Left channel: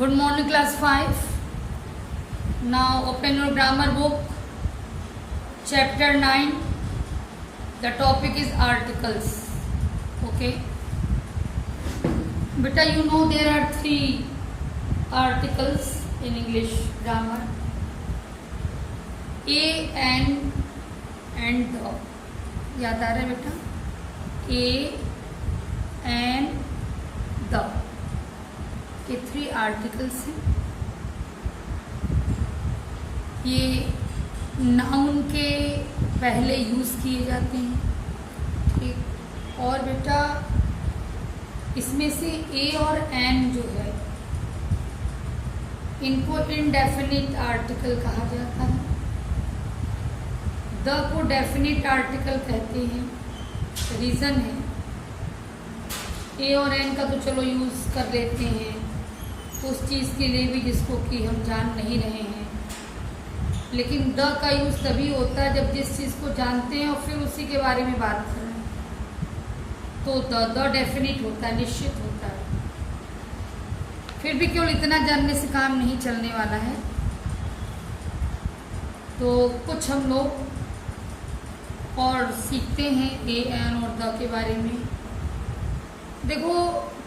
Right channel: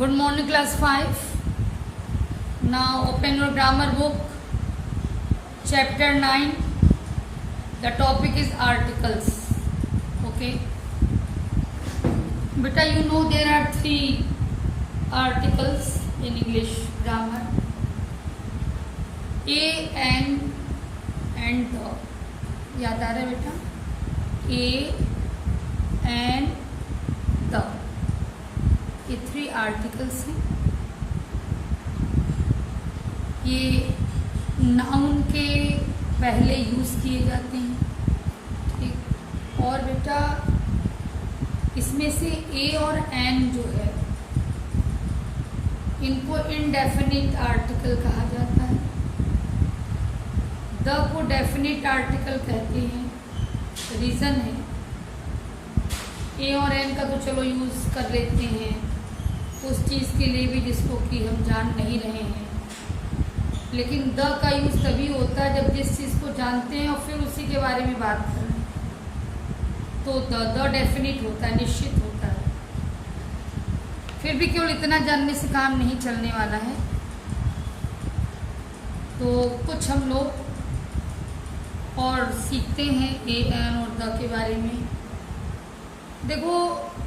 Good morning, class 5. Now open your grammar book, chapter 9. The topic is articles. Okay. Beta, you know there are 3 articles in English grammar. A, an, and the. याद आ रहा है बेटा? A, an, the. ये 3 articles हैं. ये noun के पहले use किए जाते हैं. ठीक. और बेटा इसमें से ए और एन जो है इनको इनडेफिनिट आर्टिकल कहा जाता है. द को डेफिनिट आर्टिकल कहते हैं. रीजन है ए और एन का तो चलो यूज कर लेते हैं उस चीज के लिए भी जिसको कि हम जान नहीं रहे हैं, लेकिन द का यूज तभी होता है जब जिस चीज को जानते हैं और फिर उसी के बारे में बात कर रहे हैं, तो द डेफिनिट होता है, निश्चित होता है. फिर भी केवल इतना जानने से काम नहीं चलने वाला है, तो कुछ हम लोग और सीखते हैं ए एन और द के बारे में. देखो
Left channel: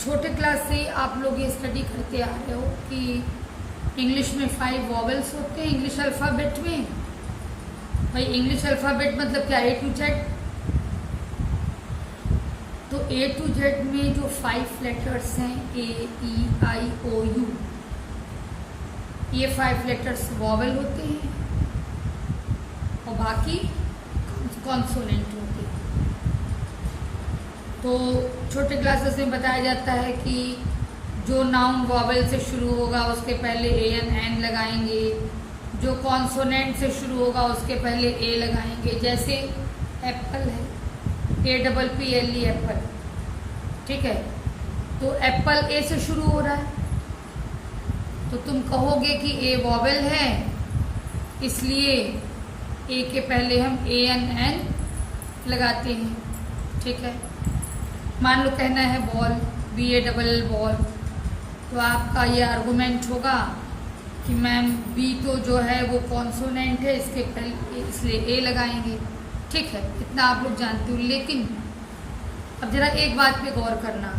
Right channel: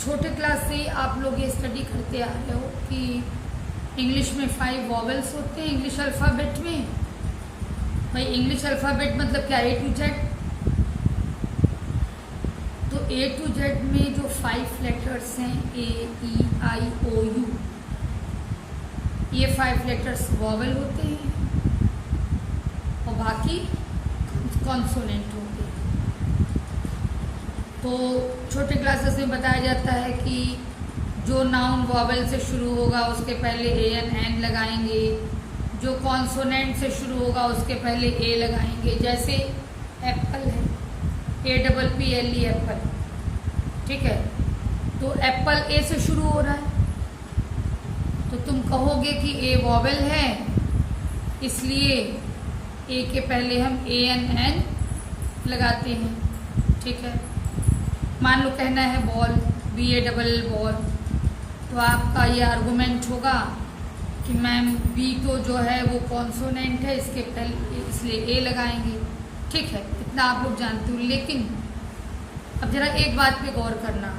छोटे क्लास से आप लोग ये स्टडी करते आ रहे हो कि इंग्लिश में 5 वॉवेल्स होते हैं इंग्लिश अल्फाबेट में. भाई इंग्लिश अल्फाबेट मतलब क्या? ए टू जेड. तो ए टू जेड में जो 5 लेटर्स हैं ए ई आई ओ यू, ये 5 लेटर्स वॉवेल होते हैं और बाकी कॉन्सोनेंट होते हैं. तो छोटे क्लासेस में बताया जाता है कि जो नाउन वॉवेल से शुरू होगा उसके पहले ए एन लगाएंगे, जो कॉन्सोनेंट से शुरू होगा उसके पहले ए लगाएंगे. जैसे एप्पल है, APPLE एप्पल. ठीक है, तो एप्पल ए से शुरू हो रहा है तो तुम कहोगे कि ए वॉवेल है इसलिए ए के पहले हम ANN लगाते हैं. ठीक है. मान लो कहना है बॉल, BALL बॉल, तो आपका ये आर्गुमेंट होगा कि मैम बी तो जो है वो कॉन्सोनेंट है इसके पहले इसलिए ए लगाएंगे. ठीक है, इतना आप लोग जानते हो. लेकिन अब जरा एक बात पे गौर करना.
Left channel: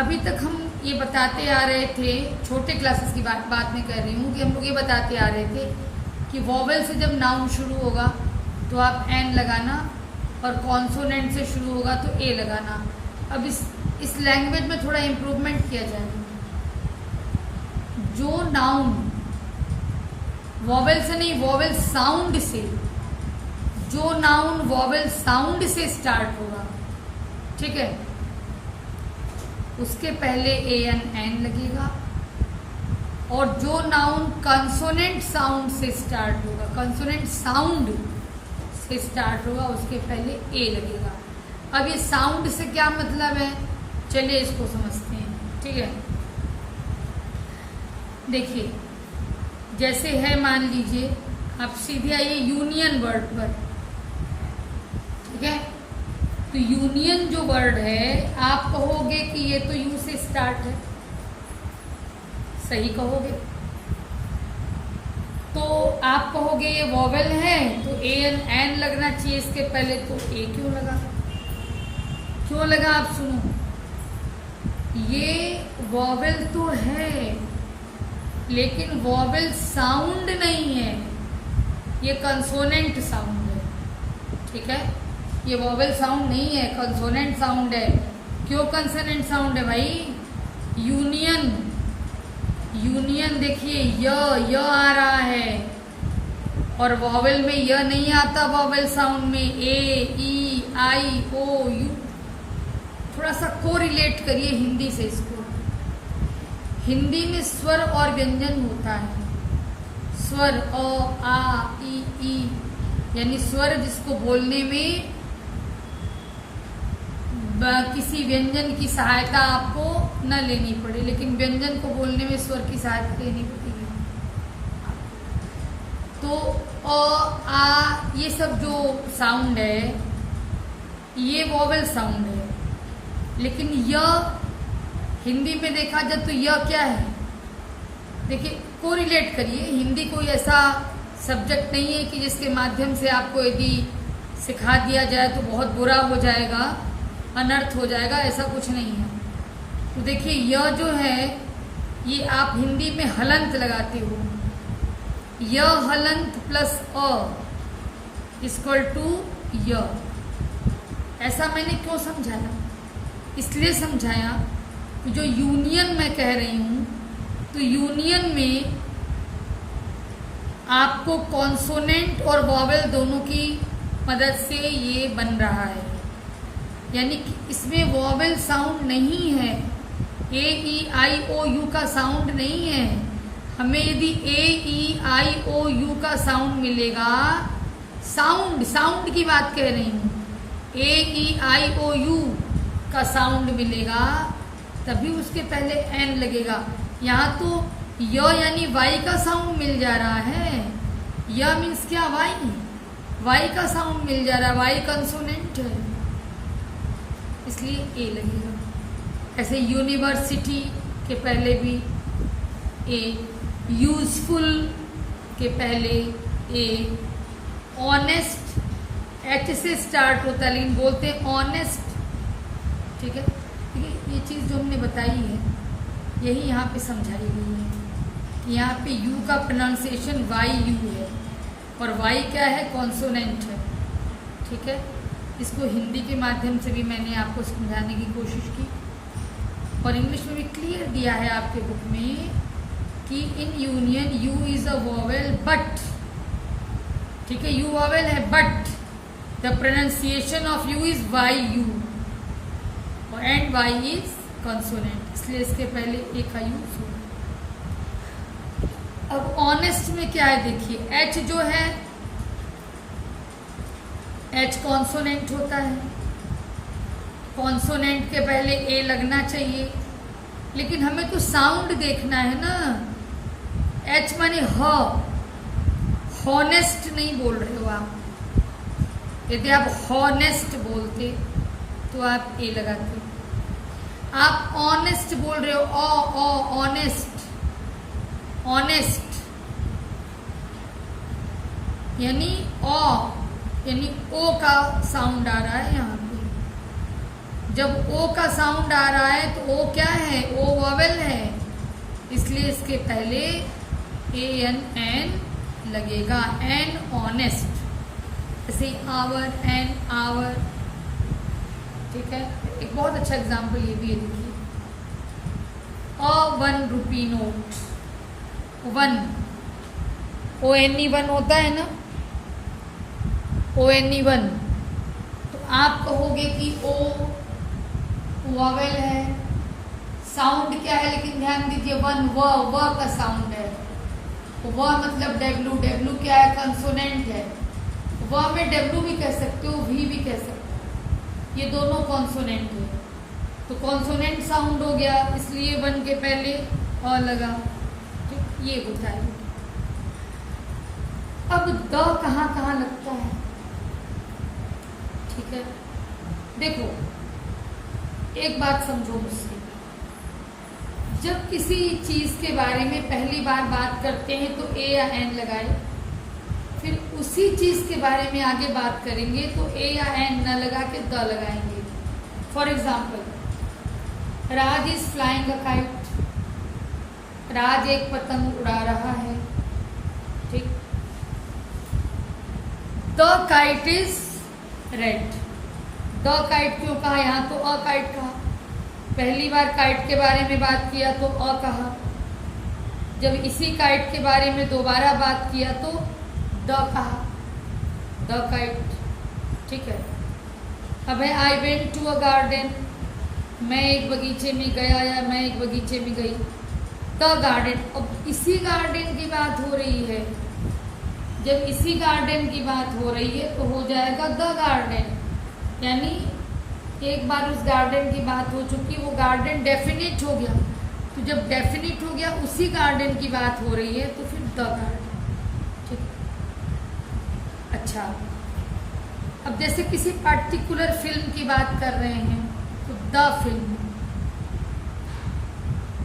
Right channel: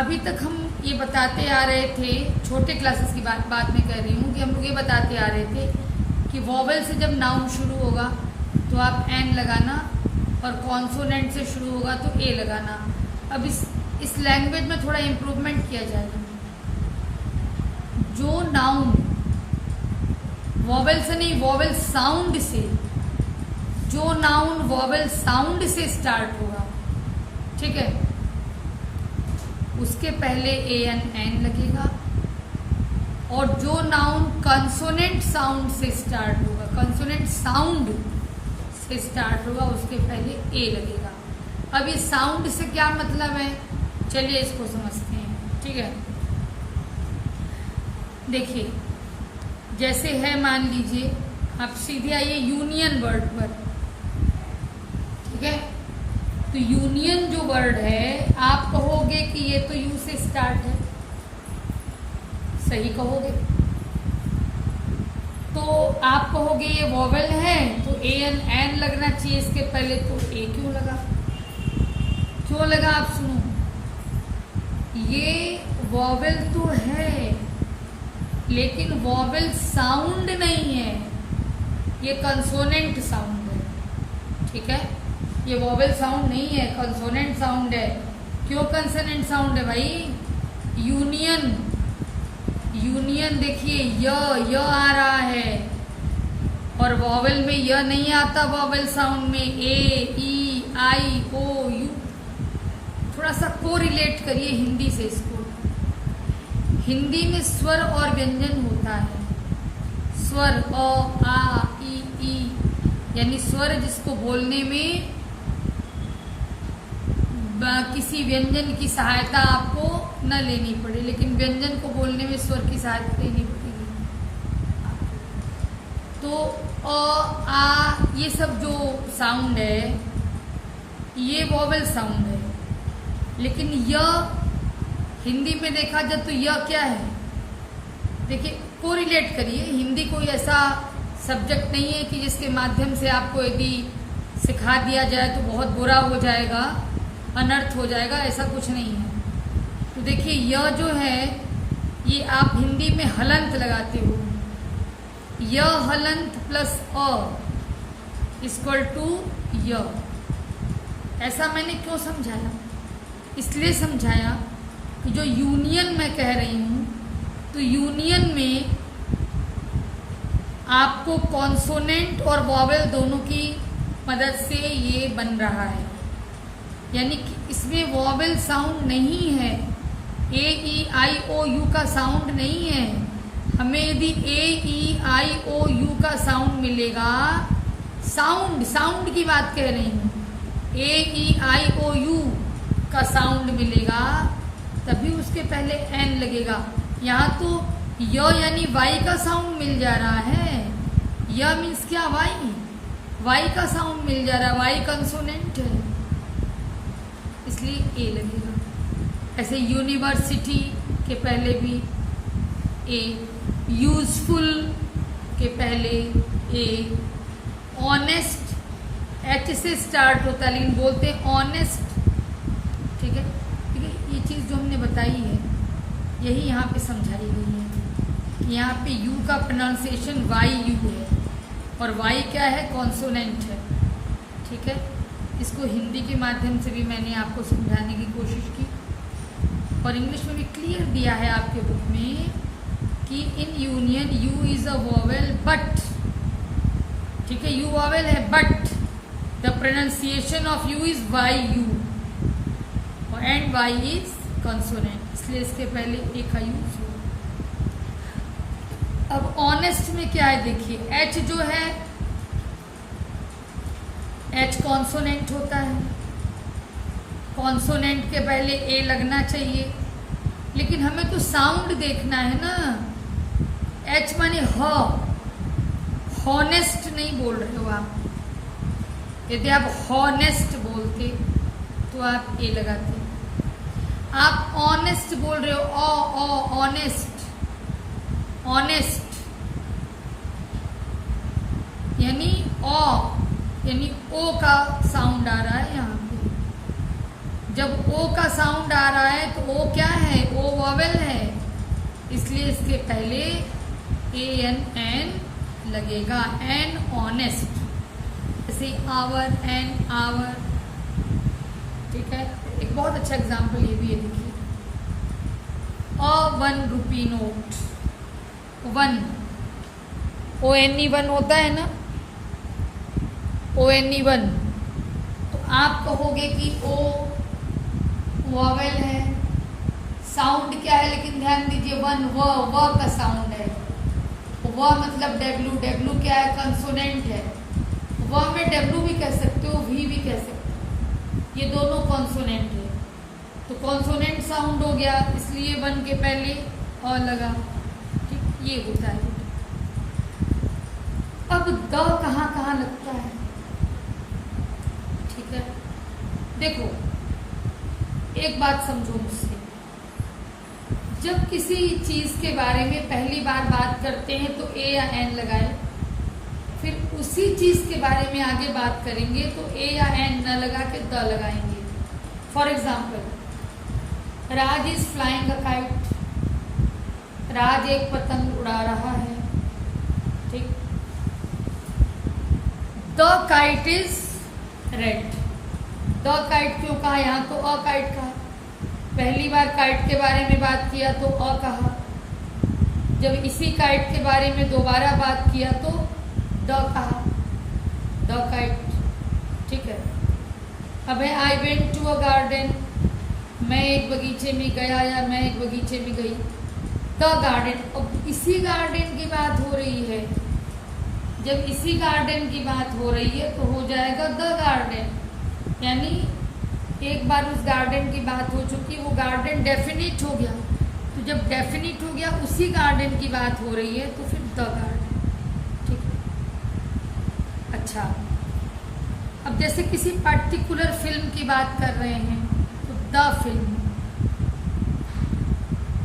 अभी तक हम ये बताते आ रहे थे, छोटे क्लासेस की बात मैं कह रही हूँ कि हम लोग ये बताते आ रहे थे कि वॉवेल से जब नाउन शुरू होगा तो आप एन लगाना और कॉन्सोनेंट से शुरू होगा तो ए लगाना. अब इस लैंग्वेज में थोड़ा इम्प्रूवमेंट किया जाएगा. जो नाउन वॉवेल से नहीं, वॉवेल साउंड से, जो नाउन वॉवेल साउंड से स्टार्ट होगा, ठीक है, उसके पहले ANN लगेगा. और जो नाउन कंसोनेंट साउंड से स्टार्ट होगा, कंसोनेंट साउंड से स्टार्ट होगा, उसके पहले ए लगेगा. अब ये साउंड से क्या मतलब है, चलिए इसको समझते हैं. ठीक है, देखिए जैसे है, मान लीजिए आप सीधे आइए यूनियन वर्ड पर. ठीक है, तो यूनियन जो वर्ड है आप कहोगे कि ये तो यू से स्टार्ट है, सही कहोगे. तो आप कहोगे ये वॉवेल है तो ANN लगना चाहिए इसके पहले, तो ए क्यों लगा? क्यों लगा आप सुनो. ये वॉवेल तो है लेकिन वॉवेल साउंड नहीं है, ये कंसोनेंट साउंड है. ठीक है, ये वॉवेल साउंड नहीं है, कंसोनेंट साउंड है. क्यों कंसोनेंट साउंड है भाई? यूनियन, यूनियन देखिए य आ रहा है और वॉवेल में य नहीं आता. वॉवेल साउंड में ए ई आई ओ यू. थोड़ा सा को रिलेट करिए हिंदी से इसको. हिंदी में स्वर और व्यंजन होता है. स्वर अ आ ई यानी स्वर जिसको बोलने में किसी व्यंजन की सहायता आपको न लेनी पड़े, लेकिन व्यंजन को बोलने में स्वर की सहायता लेनी पड़ेगी. तो अ आ ये सब जो साउंड है ये वॉवेल साउंड है, लेकिन य हिंदी में देखा जाए तो यह क्या है? देखिए कोरिलेट करिए। हिंदी कोई ऐसा सब्जेक्ट नहीं है कि जिसके माध्यम से आपको यदि सिखा दिया जाए तो बहुत बुरा हो जाएगा, अनर्थ हो जाएगा, ऐसा कुछ नहीं है। तो देखिए यह जो है ये आप हिंदी में हलंत लगाते हो, य हलंत प्लस अ इक्वल टू य। ऐसा मैंने क्यों समझाया? इसलिए समझाया कि जो यूनियन मैं कह रही हूं तो यूनियन में आपको कॉन्सोनेंट और वॉवेल दोनों की मदद से ये बन रहा है, यानी कि इसमें वॉवेल साउंड नहीं है, ए ई आई ओ यू का साउंड नहीं है। हमें यदि ए ई आई ओ यू का साउंड मिलेगा, साउंड की बात कह रही हूं, ए ई आई ओ यू का साउंड मिलेगा तभी उसके पहले एन लगेगा। यहाँ तो य यानी वाई का साउंड मिल जा रहा है, य मीन्स क्या, वाई का साउंड मिल जा रहा है, वाई कंसोनेंट है इसलिए ए लगेगा। ऐसे यूनिवर्सिटी के पहले भी ए, यूजफुल के पहले ए, ऑनेस्ट एच से स्टार्ट होता है लेकिन बोलते हैं ऑनेस्ट। ठीक है, ये चीज जो हमने बताई है यही यहाँ पे समझाई गई है कि यहाँ पे यू का प्रोनाउंसिएशन वाई यू है और वाई क्या है, कॉन्सोनेंट है। ठीक है, इसको हिंदी के माध्यम से भी मैंने आपको समझाने की कोशिश की और इंग्लिश में भी क्लियर दिया है आपके बुक में कि in union U is a vowel but, ठीक है, यू वोवेल है but the pronunciation of U is Y U and Y is consonant, इसलिए इसके पहले ए का यूज हो। अब ऑनेस्ट में क्या है देखिए, एच जो है एच कॉन्सोनेंट होता है, कॉन्सोनेंट के पहले ए लगना चाहिए, लेकिन हमें तो साउंड देखना है ना। एच माने ह, हॉनेस्ट नहीं बोल रहे हो आप। यदि आप हॉनेस्ट बोलते तो आप ए लगाते। आप ऑनेस्ट बोल रहे हो, ऑनेस्ट, ऑनेस्ट यानी ओ का साउंड आ रहा है यहाँ पे। जब ओ का साउंड आ रहा है तो ओ क्या है, ओ वोवेल है, इसलिए इसके पहले एन लगेगा, एन ऑनेस्ट। जैसे आवर, एन आवर। ठीक है, एक बहुत अच्छा एग्जाम्पल ये भी है, देखिए ₹1 नोट, वन ONE1 होता है ना, ONE1, तो आप कहोगे कि ओ वॉवेल है, साउंड क्या है, लेकिन ध्यान दीजिए वन व का साउंड है, व मतलब डब्ल्यू क्या है, कंसोनेंट है। व में डब्ल्यू भी कह सकते हो, वी भी कह सकते हो, ये दोनों कॉन्सोनेंट है, तो कॉन्सोनेंट साउंड हो गया, इसलिए वन के पहले अ लगा। ठीक, ये होता है। अब द कहाँ लगता है, ठीक है, देखो एक बात समझो मुझसे, जब किसी चीज के बारे में पहली बार बात करते हैं तो ए या एन लगाए, फिर उसी चीज के बारे में आगे बात करेंगे तो ए या एन न लगा के द लगाएंगे। For example, Raj is flying a kite, Raj एक पतंग उड़ा रहा है। ठीक, the kite is red, the kite क्यों कहा, यहां तो अ काइट कहा, पहली बार काइट के बारे में बात किया तो अ कहा, जब इसी काइट के बारे में दोबारा बात किया तो द कहा, द काइट। ठीक है, अब है I went to a garden, मैं एक बगीचे में गया या मैं एक बगीचे में गई, द गार्डन। अब इसी गार्डन की बात हो रही है, जब इसी गार्डन की बात हो रही है तो हो जाएगा द गार्डन, यानी एक बार उस गार्डन की बात हो चुकी है, वो गार्डन डेफिनिट हो गया, तो जब डेफिनिट हो गया उसी गार्डन की बात हो रही है तो फिर द गार्डन। ठीक है, अच्छा, अब जैसे किसी पर्टिकुलर फिल्म की बात कर रहे हैं तो the film,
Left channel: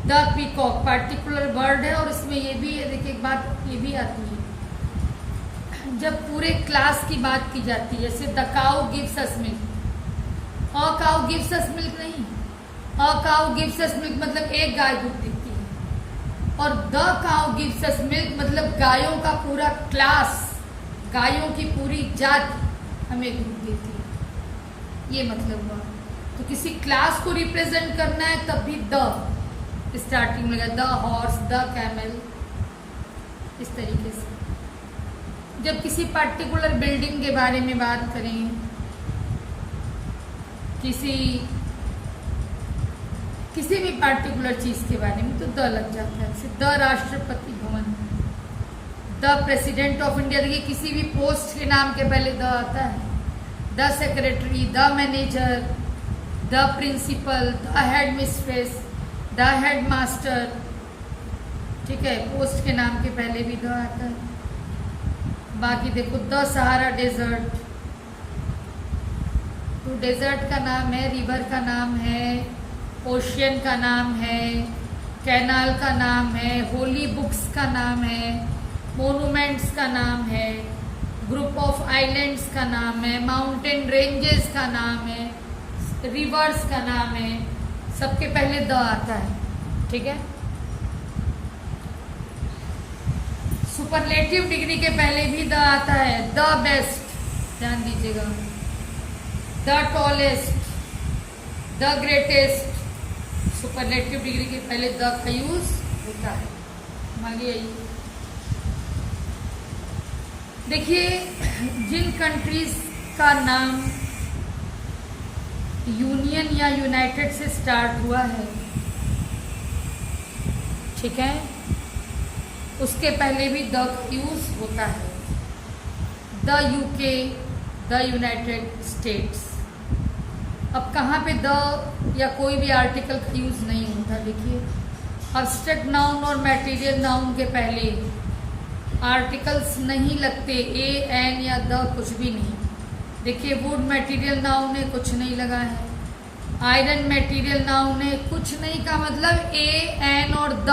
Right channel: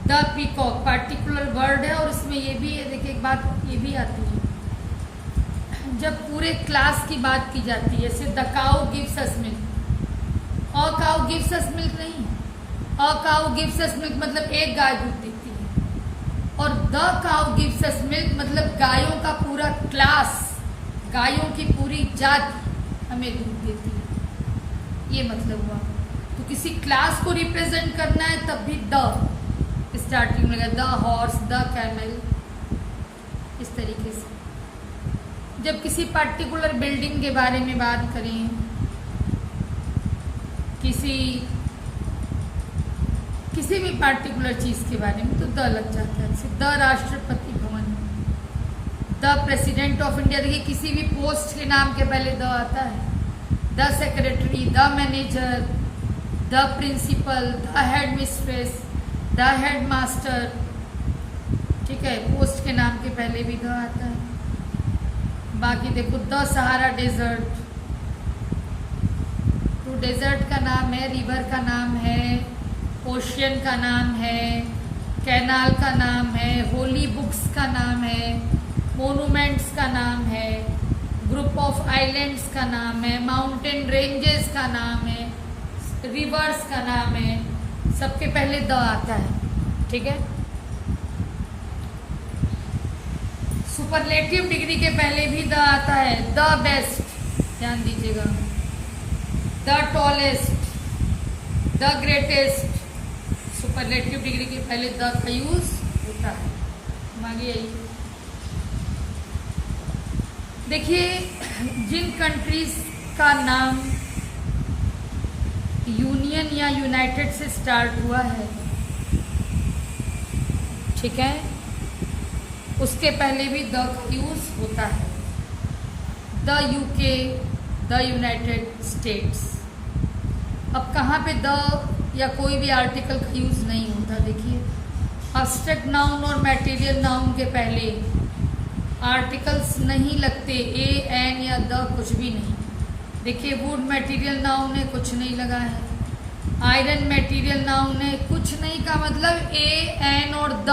the peacock particular word है और इसमें ये भी है, देखिए एक बात ये भी आती है जब पूरे क्लास की बात की जाती है, जैसे the cow gives us milk, a cow gives us milk नहीं, a cow gives us milk मतलब एक गाय दूध देती है, और the cow gives us milk मतलब गायों का पूरा क्लास, गायों की पूरी जात हमें दूध देती है, ये मतलब हुआ। तो किसी क्लास को रिप्रेजेंट करना है तब भी द स्टार्टिंग में, द हॉर्स, द कैमल, इस तरीके से। जब किसी पर्टिकुलर बिल्डिंग के बारे में बात करें, किसी भी पर्टिकुलर चीज के बारे में, तो द लग जाता है। जैसे the Rashtrapati Bhavan, the president of India, देखिए किसी भी पोस्ट के नाम के पहले द आता है, the secretary, the manager, the principal, the head mistress, the head master, ठीक है, पोस्ट के नाम के पहले भी द आता है। बाकी देखो द सहारा डेजर्ट, तो डेजर्ट का नाम है, रिवर का नाम है, ओशियन का नाम है, कैनाल का नाम है, होली बुक्स का नाम है, मोनूमेंट्स का नाम है, ग्रुप ऑफ आइलैंड्स का नाम है, माउंटेन रेंजेस का नाम है, रिवर्स का नाम है, सबके पहले द आता है, ठीक है। सुपरलेटिव डिग्री के पहले भी द आता है, द बेस्ट, ध्यान दीजिएगा, the tallest, the greatest, superlative degree के पहले द का यूज होता है। आगे आइए, देखिए जिन कंट्रीज का नाम यूनियन या यूनाइटेड से स्टार्ट हुआ है, ठीक है, उसके पहले भी द का यूज होता है। The UK, the United states. अब कहाँ पे द या कोई भी आर्टिकल का यूज नहीं होता, देखिए अब्स्ट्रैक्ट नाउन और मटेरियल नाउन के पहले आर्टिकल्स नहीं लगते, ए एन या द कुछ भी नहीं। देखिए वुड मटेरियल नाउन है, कुछ नहीं लगा है, आयरन मटेरियल नाउन है, कुछ नहीं का मतलब ए एन और द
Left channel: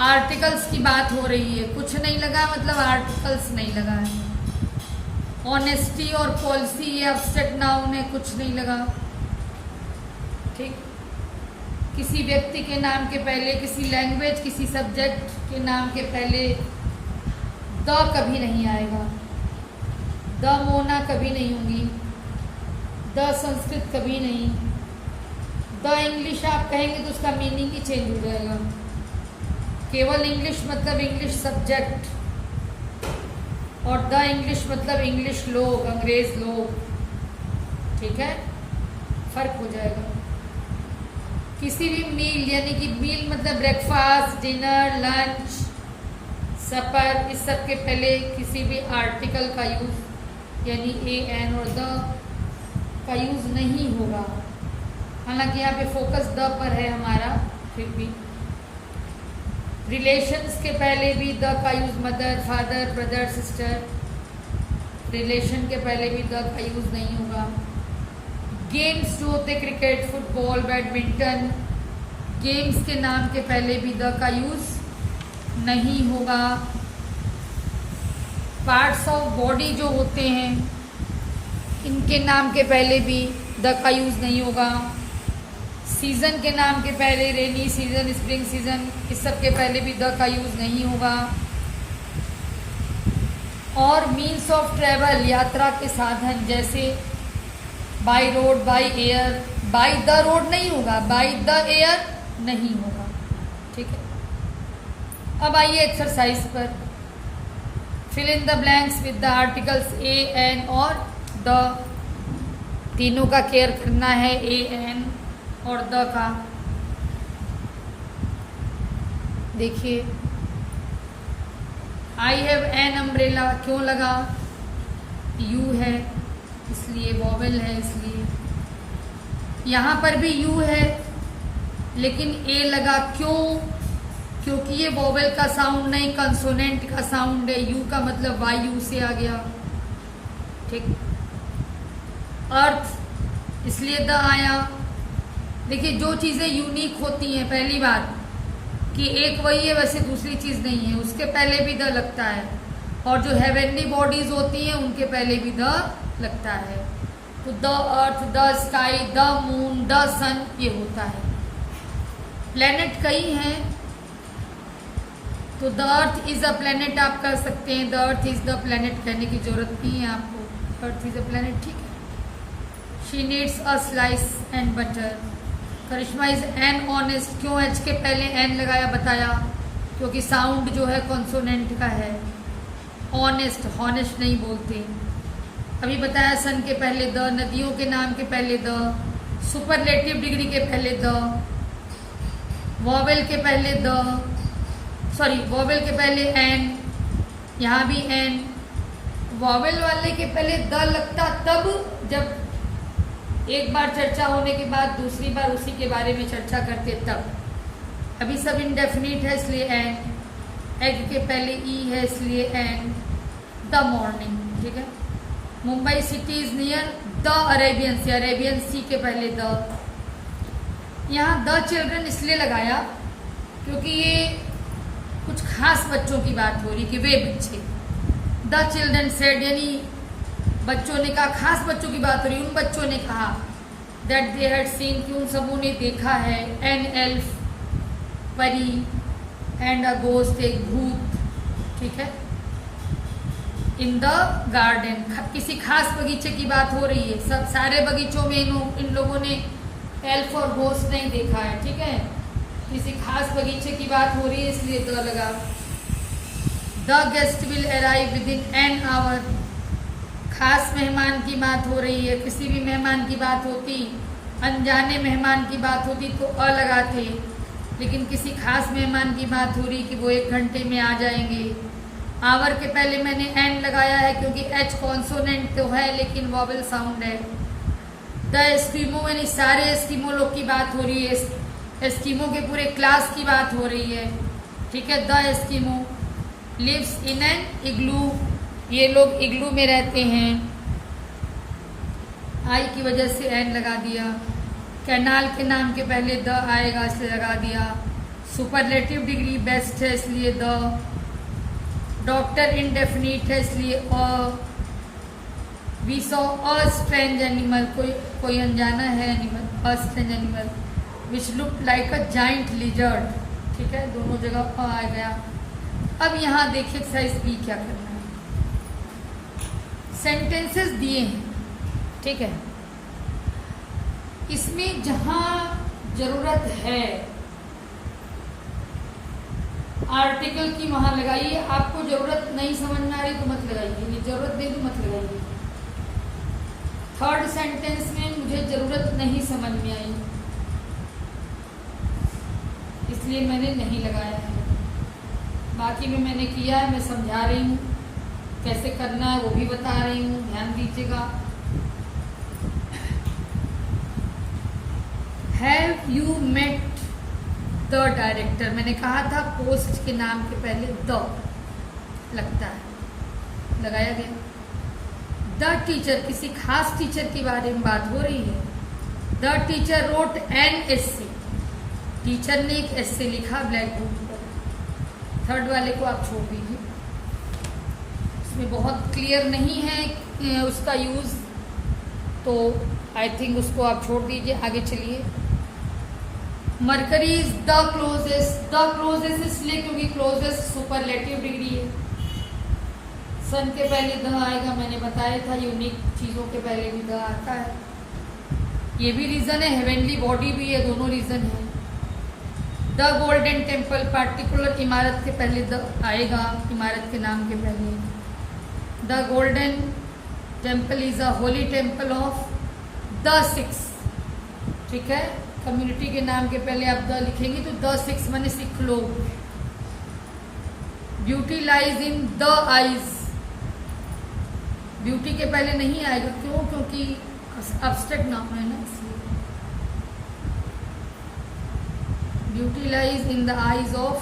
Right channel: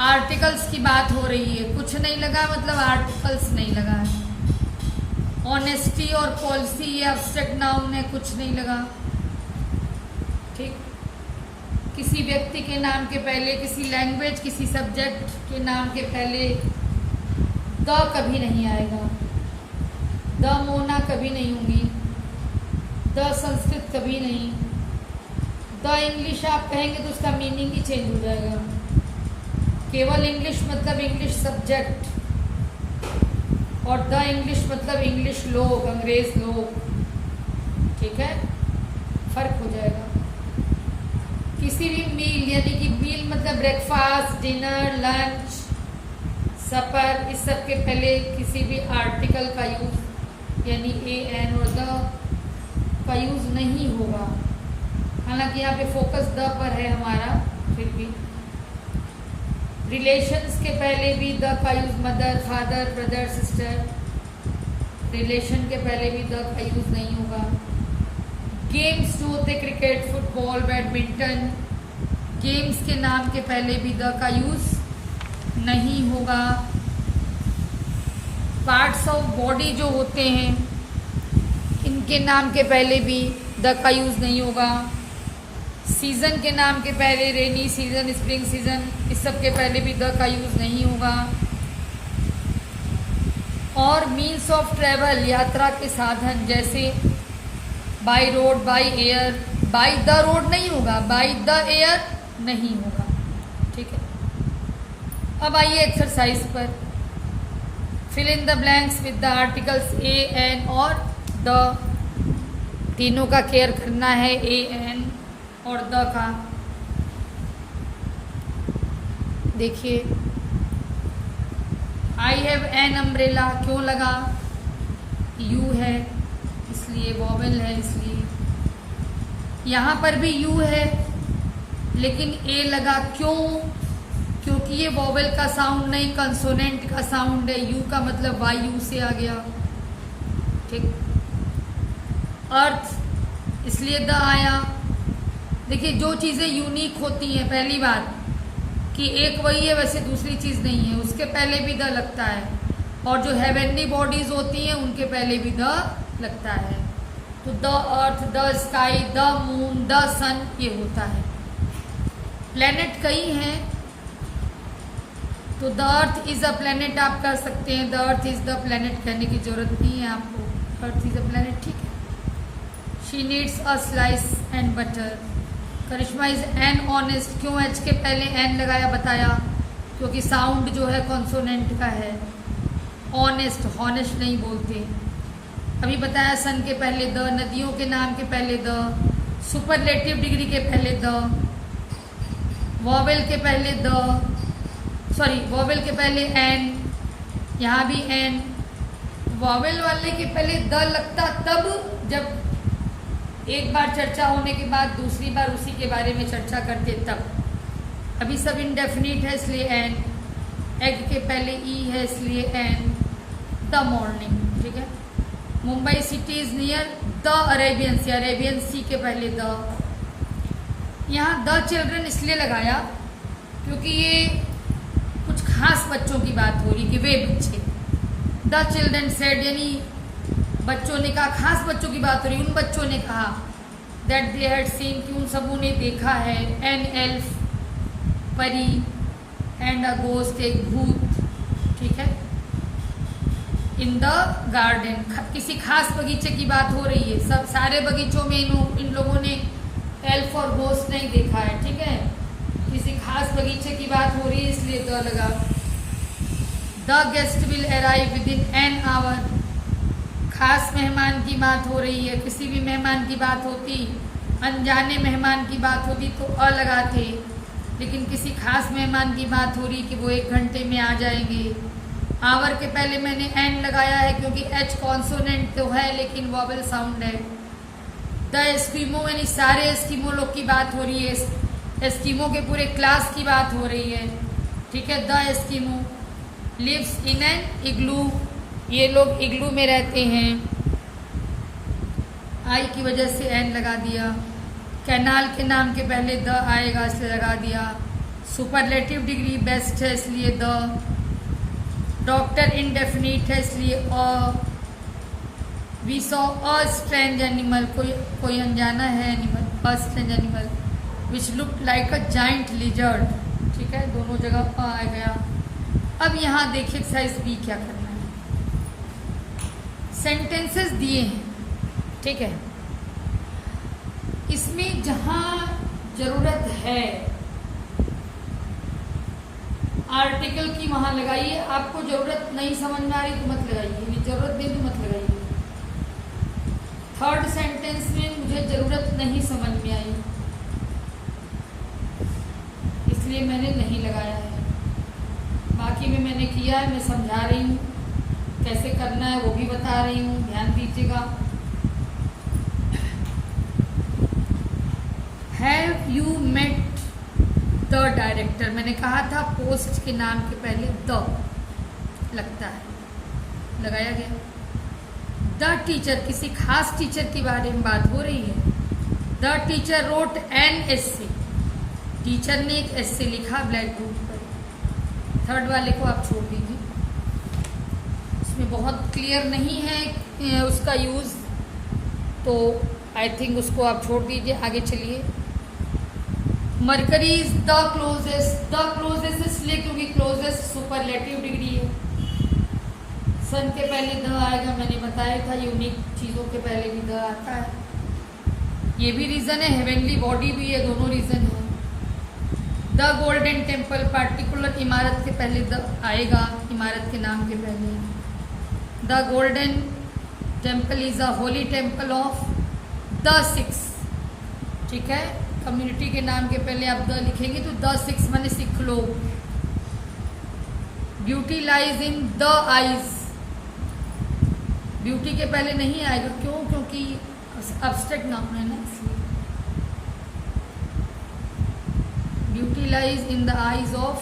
आर्टिकल्स की बात हो रही है, कुछ नहीं लगा मतलब आर्टिकल्स नहीं लगा है। ऑनेस्टी और पॉलिसी ये एब्स्ट्रैक्ट नाउन है, कुछ नहीं लगा, ठीक। किसी व्यक्ति के नाम के पहले, किसी लैंग्वेज, किसी सब्जेक्ट के नाम के पहले द कभी नहीं आएगा। द मोना कभी नहीं होंगी, द संस्कृत कभी नहीं, द इंग्लिश आप कहेंगे तो उसका मीनिंग ही चेंज हो जाएगा। केवल इंग्लिश मतलब इंग्लिश सब्जेक्ट, और द इंग्लिश मतलब इंग्लिश लोग, अंग्रेज लोग, ठीक है, फर्क हो जाएगा। किसी भी मील, यानी कि मील मतलब ब्रेकफास्ट, डिनर, लंच, सपर, इस सब के पहले किसी भी आर्टिकल का यूज यानी ए एन और द का यूज नहीं होगा। हालांकि यहाँ पे फोकस द पर है हमारा, फिर भी रिलेशंस के पहले भी द का use, mother, father, brother, sister, relation के पहले भी द का यूज नहीं होगा। गेम्स जो होते क्रिकेट, फुटबॉल, बैडमिंटन, गेम्स के नाम के पहले भी द का यूज नहीं होगा। पार्ट्स ऑफ बॉडी जो होते हैं इनके नाम के पहले भी द का यूज नहीं होगा। सीजन के नाम के पहले रेनी सीजन, स्प्रिंग सीजन, इस सब के पहले भी द का यूज नहीं होगा। और मीन्स ऑफ ट्रेवल, यात्रा के साधन, जैसे by road, by air, by the road नहीं होगा, बाय द एयर नहीं होगा, ठीक है। अब आइए एक्सरसाइज पर, fill in the blanks with the articles a an और द, तीनों का केयर करना है, ए एन और द का। देखिए आई हैव एन अम्ब्रेला, क्यों लगा, यू है इसलिए, वॉवेल है इसलिए। यहां पर भी यू है लेकिन ए लगा, क्यों, क्योंकि ये वॉवेल का साउंड नहीं, कंसोनेंट का साउंड है। यू का मतलब वाई यू से आ गया, ठीक। अर्थ इसलिए द आया, देखिए जो चीजें यूनिक होती हैं, पहली बात कि एक वही है वैसे दूसरी चीज नहीं है, उसके पहले भी द लगता है, और जो हेवनली बॉडीज होती हैं उनके पहले भी द लगता है। तो the earth, the sky, the moon, the sun, ये होता है। प्लेनेट कई हैं, तो the earth is a planet आप कर सकते हैं, the earth is the planet कहने की जरूरत नहीं है आपको, अर्थ इज अ प्लेनेट, ठीक है। She needs a slice and butter. Karishma is an honest, क्यों एच के पहले एन लगाया बताया, क्योंकि साउंड जो है कॉन्सोनेंट का है। ऑनेस्ट, हॉनेस्ट नहीं बोलते। अभी बताया सन के पहले द, नदियों के नाम के पहले द, सुपरलेटिव डिग्री के पहले द, वॉवेल के पहले द, सॉरी वॉवेल के पहले एन, यहाँ भी एन। वॉवेल वाले के पहले द लगता तब जब एक बार चर्चा होने के बाद दूसरी बार उसी के बारे में चर्चा करते तब। अभी सब इंडेफिनिट है इसलिए एन, एग के पहले ई है इसलिए एन। द मॉर्निंग, ठीक है। Mumbai city is near the Arabian sea, Arabian sea के पहले द। यहाँ द चिल्ड्रन इसलिए लगाया क्योंकि ये कुछ खास बच्चों की बात हो रही कि वे बच्चे, द चिल्ड्रन सेड, यानी बच्चों ने कहा, खास बच्चों की बात हो रही, उन बच्चों ने कहा दैट दे हैड सीन, कि उन सबों ने देखा है, एन एल्फ, परी, एंड अ गोस्ट, एक भूत, ठीक है, इन द गार्डन। किसी खास बगीचे की बात हो रही है, सब सारे बगीचों में इन लोगों ने एल्फ और गोस्ट नहीं देखा है, ठीक है। किसी खास बगीचे की बात हो रही है इसलिए द लगा। The guest will arrive with in an hour, खास मेहमान की बात हो रही है, किसी भी मेहमान की बात होती, अनजाने मेहमान की बात होती तो अ लगाते, लेकिन किसी खास मेहमान की बात हो रही कि वो 1 घंटे में आ जाएंगे। आवर के पहले मैंने एन लगाया है क्योंकि एच कॉन्सोनेंट तो है लेकिन वॉवेल साउंड है। द एस्किमो, यानी सारे एस्किमो लोग की बात हो रही है, एस्किमो के पूरे क्लास की बात हो रही है, ठीक है। The Eskimo lives in an igloo, ये लोग इग्लू में रहते हैं, आई की वजह से एन लगा दिया। कैनाल के नाम के पहले द आएगा इसलिए लगा दिया। सुपरलेटिव डिग्री बेस्ट है इसलिए द। डॉक्टर इंडेफिनिट है इसलिए a. We saw a strange animal, कोई अनजाना है animal, a strange animal which look like a giant lizard, ठीक है, दोनों जगह अ आ गया। अब यहाँ देखिए एक्सरसाइज बी क्या करना है। सेंटेंसेस दिए हैं, ठीक है, इसमें जहां जरूरत है आर्टिकल की वहां लगाइए। आपको जरूरत नहीं समझ में आ रही तो मत लगाइए, जरूरत नहीं तो मत लगाइए। थर्ड सेंटेंस में मुझे जरूरत नहीं समझ में आई इसलिए मैंने नहीं लगाया है, बाकी में मैंने किया है, मैं समझा रही हूँ कैसे करना है वो भी बता रही हूँ, ध्यान दीजिएगा। Have you met the director, मैंने कहा था पोस्ट के नाम के पहले द लगता है, लगाया गया। द टीचर, किसी खास टीचर के बारे में बात हो रही है। The teacher wrote an essay, teacher ने एक एस्से लिखा ब्लैक बोर्ड पर। थर्ड वाले को आप छोड़ दीजिए, इसमें बहुत क्लियर नहीं है उसका यूज, तो आई थिंक उसको आप छोड़ दीजिए, आगे चलिए। Mercury is the closest, the closest इसलिए क्योंकि क्लोजेस्ट सुपरलेटिव डिग्री है। सन के पहले द आएगा, मैंने बताया था, यूनिक चीजों के पहले भी द आता है, ये भी रीजन है, हेवेनली बॉडी भी है, दोनों रीजन है। द गोल्डन टेम्पल, पार्टिकुलर इमारत के पहले द आएगा, इमारत के नाम के पहले। The golden temple is a Holi temple of the six, ठीक है, कम्युनिटी के नाम के पहले आप द लिखेंगे तो द सिक्स माने सिख लोग। Beauty lies in the eyes, beauty के पहले नहीं आएगा, क्यों? क्योंकि अब्स्ट्रैक्ट नाम है ना, इसलिए। Beauty lies in the eyes of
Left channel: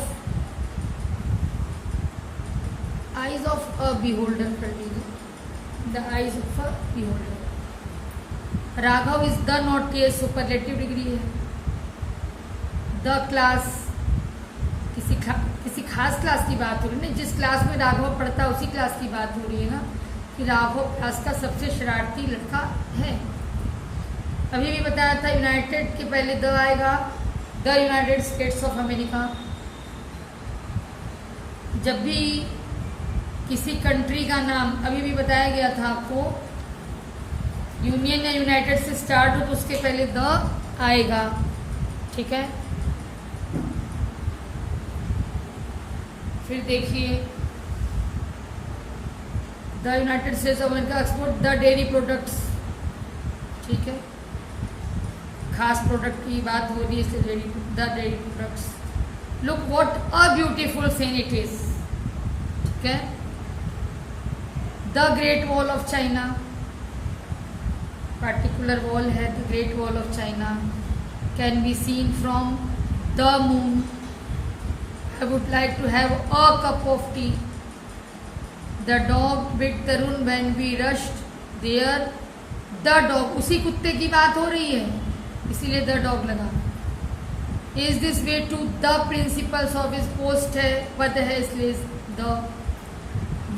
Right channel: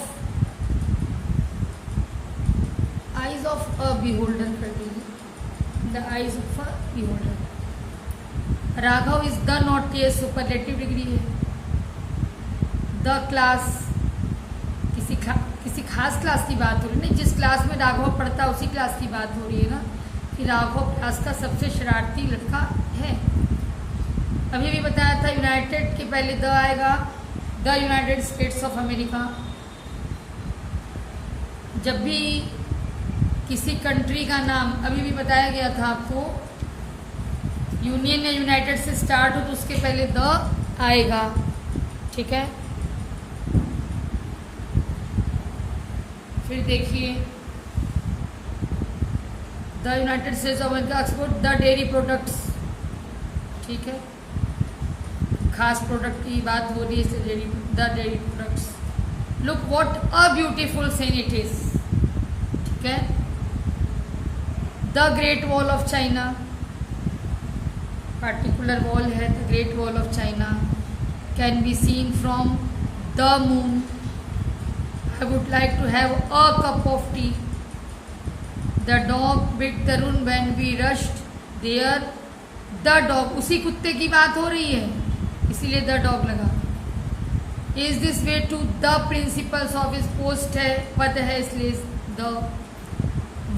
a beholder कर दीजिए, the eyes of a beholder. Raghav is the naughtiest, superlative degree है। द क्लास, किसी खास क्लास की बात हो रही है, नहीं जिस क्लास में राघव पढ़ता है उसी क्लास की बात हो रही है ना, कि राघव क्लास का सबसे शरारती लड़का है। अभी भी बताया था यूनाइटेड के पहले द आएगा, the United States of America. जब भी किसी कंट्री का नाम, अभी भी बताया गया था आपको, यूनियन या यूनाइटेड से स्टार्ट हो तो उसके पहले द आएगा, ठीक है। फिर देखिए the United States of America export the dairy products, ठीक है, खास प्रोडक्ट की बात हो रही है, the dairy products. Look what a beautiful scene it is, ठीक है। The great wall of China, particular wall है, the great wall of China can be seen from the moon. I would like to have a cup of tea. The dog bit Tarun when we rushed there. The dog, उसी कुत्ते की बात हो रही है, इसीलिए the dog लगा। Is this way to the principals of his post है, पद है इसलिए the।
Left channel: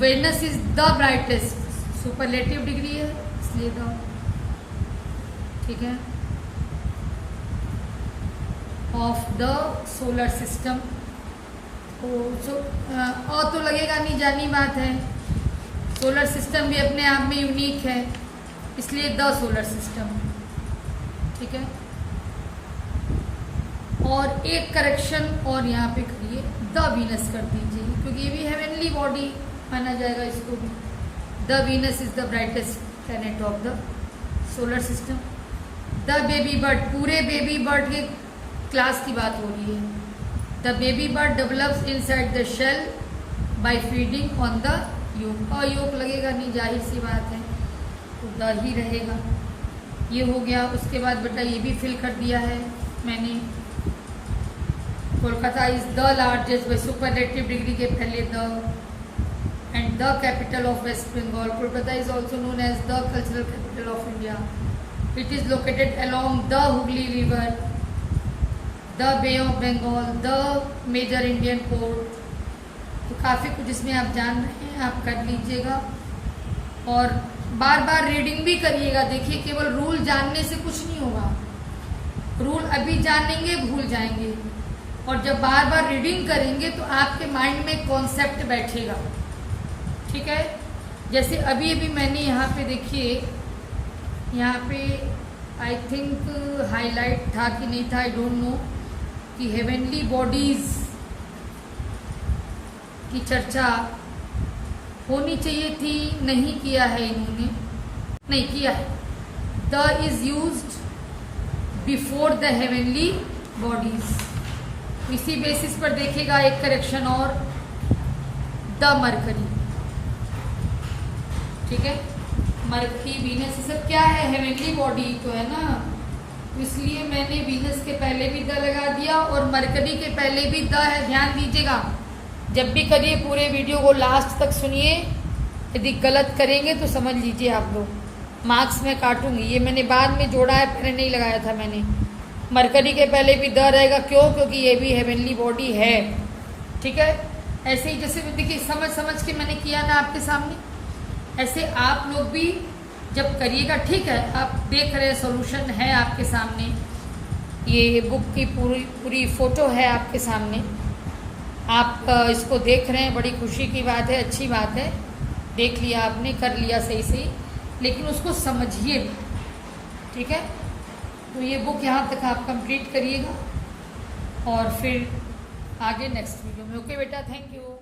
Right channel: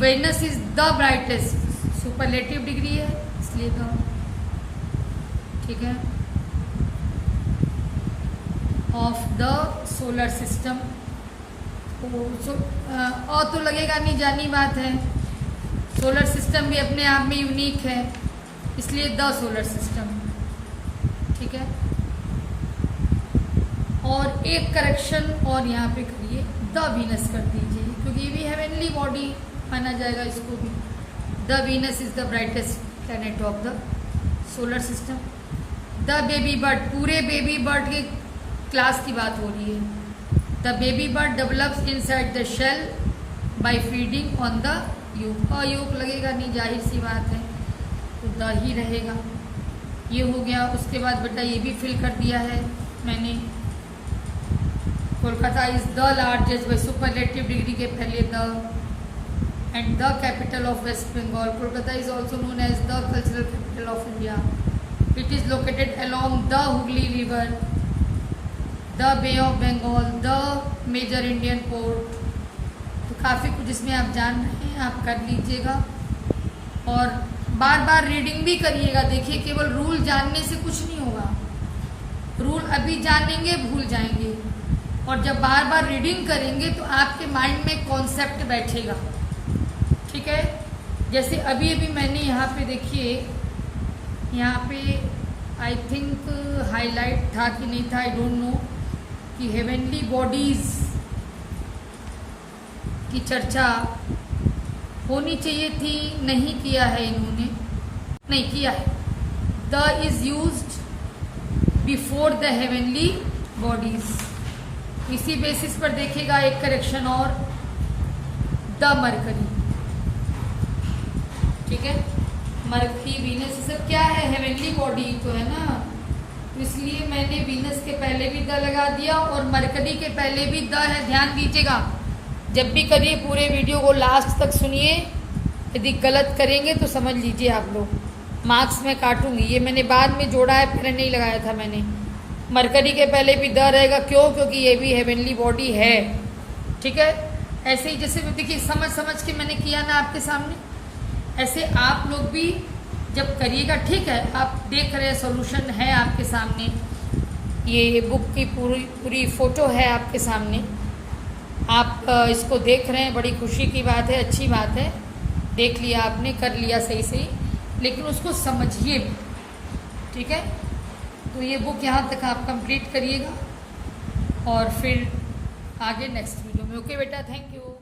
Venus is the brightest, superlative degree है इसलिए the, ठीक है, of the solar system। तो लगेगा नहीं, जानी बात है, सोलर सिस्टम भी अपने आप में यूनिक है, इसलिए द सोलर सिस्टम, ठीक है। और एक करेक्शन और यहाँ पे करिए, द वीनस कर दीजिए, क्योंकि ये भी हेवनली बॉडी माना जाएगा इसको भी। The Venus is the brightest planet of the solar system. The baby bird, पूरे बेबी बर्ड के क्लास की बात हो रही है। The baby bird develops inside the shell by feeding on the yolk। और yolk लगेगा नहीं, जाहिर सी बात है, तो द ही रहेगा। ये हो गया। उसके बाद बेटा ये भी फिल कर दिया है मैंने, Kolkata is the largest by superlative degree के पहले the, and the capital of West Bengal. Kolkata is also known as the cultural capital of India. It is located along the Hooghly river, the bay of Bengal, the major Indian port. तो काफ़ी कुछ इसमें आप जान रहे हैं, आप कर लीजिएगा और बार बार रीडिंग भी करिएगा। देखिए केवल रूल जानने से कुछ नहीं होगा, रूल अभी जानेंगे भूल जाएंगे, और जब बार बार रीडिंग करेंगे तो आपके माइंड में कॉन्सेप्ट बैठेगा, ठीक है। जैसे अभी अभी मैंने यहाँ पे देखिए, यहाँ पे आई थिंक हाईलाइट था कि नहीं था, आई डोंट नो, कि हेवनली बॉडीज की चर्चा होनी चाहिए थी, नहीं किया है इन्होंने, नहीं किया है। The is used before the heavenly bodies, इसी बेसिस पर देखेगा एक करेक्शन और, द मरकरी, ठीक है। मरकरी वीनस सब क्या है, हेवनली बॉडी तो है ना, इसलिए मैंने वीनस के पहले भी द लगा दिया और मरकरी के पहले भी द है। ध्यान दीजिएगा, जब भी करिए पूरे वीडियो को लास्ट तक सुनिए, यदि गलत करेंगे तो समझ लीजिए आप लोग, मार्क्स में काटूंगी। ये मैंने बाद में जोड़ा है, पहले नहीं लगाया था मैंने। मरकरी के पहले भी द रहेगा, क्यों? क्योंकि ये भी हेवनली बॉडी है, ठीक है। ऐसे ही जैसे देखिए समझ समझ के मैंने किया ना आपके सामने, ऐसे आप लोग भी जब करिएगा, ठीक है। आप देख रहे हैं सॉल्यूशन है आपके सामने, ये बुक की पूरी फोटो है आपके सामने, आप इसको देख रहे हैं, बड़ी खुशी की बात है, अच्छी बात है। देख लिया आपने, कर लिया सही सही, लेकिन उसको समझिए भी, ठीक है। तो ये बुक यहाँ तक आप कंप्लीट करिएगा और फिर आगे नेक्स्ट वीडियो में। ओके बेटा, थैंक यू।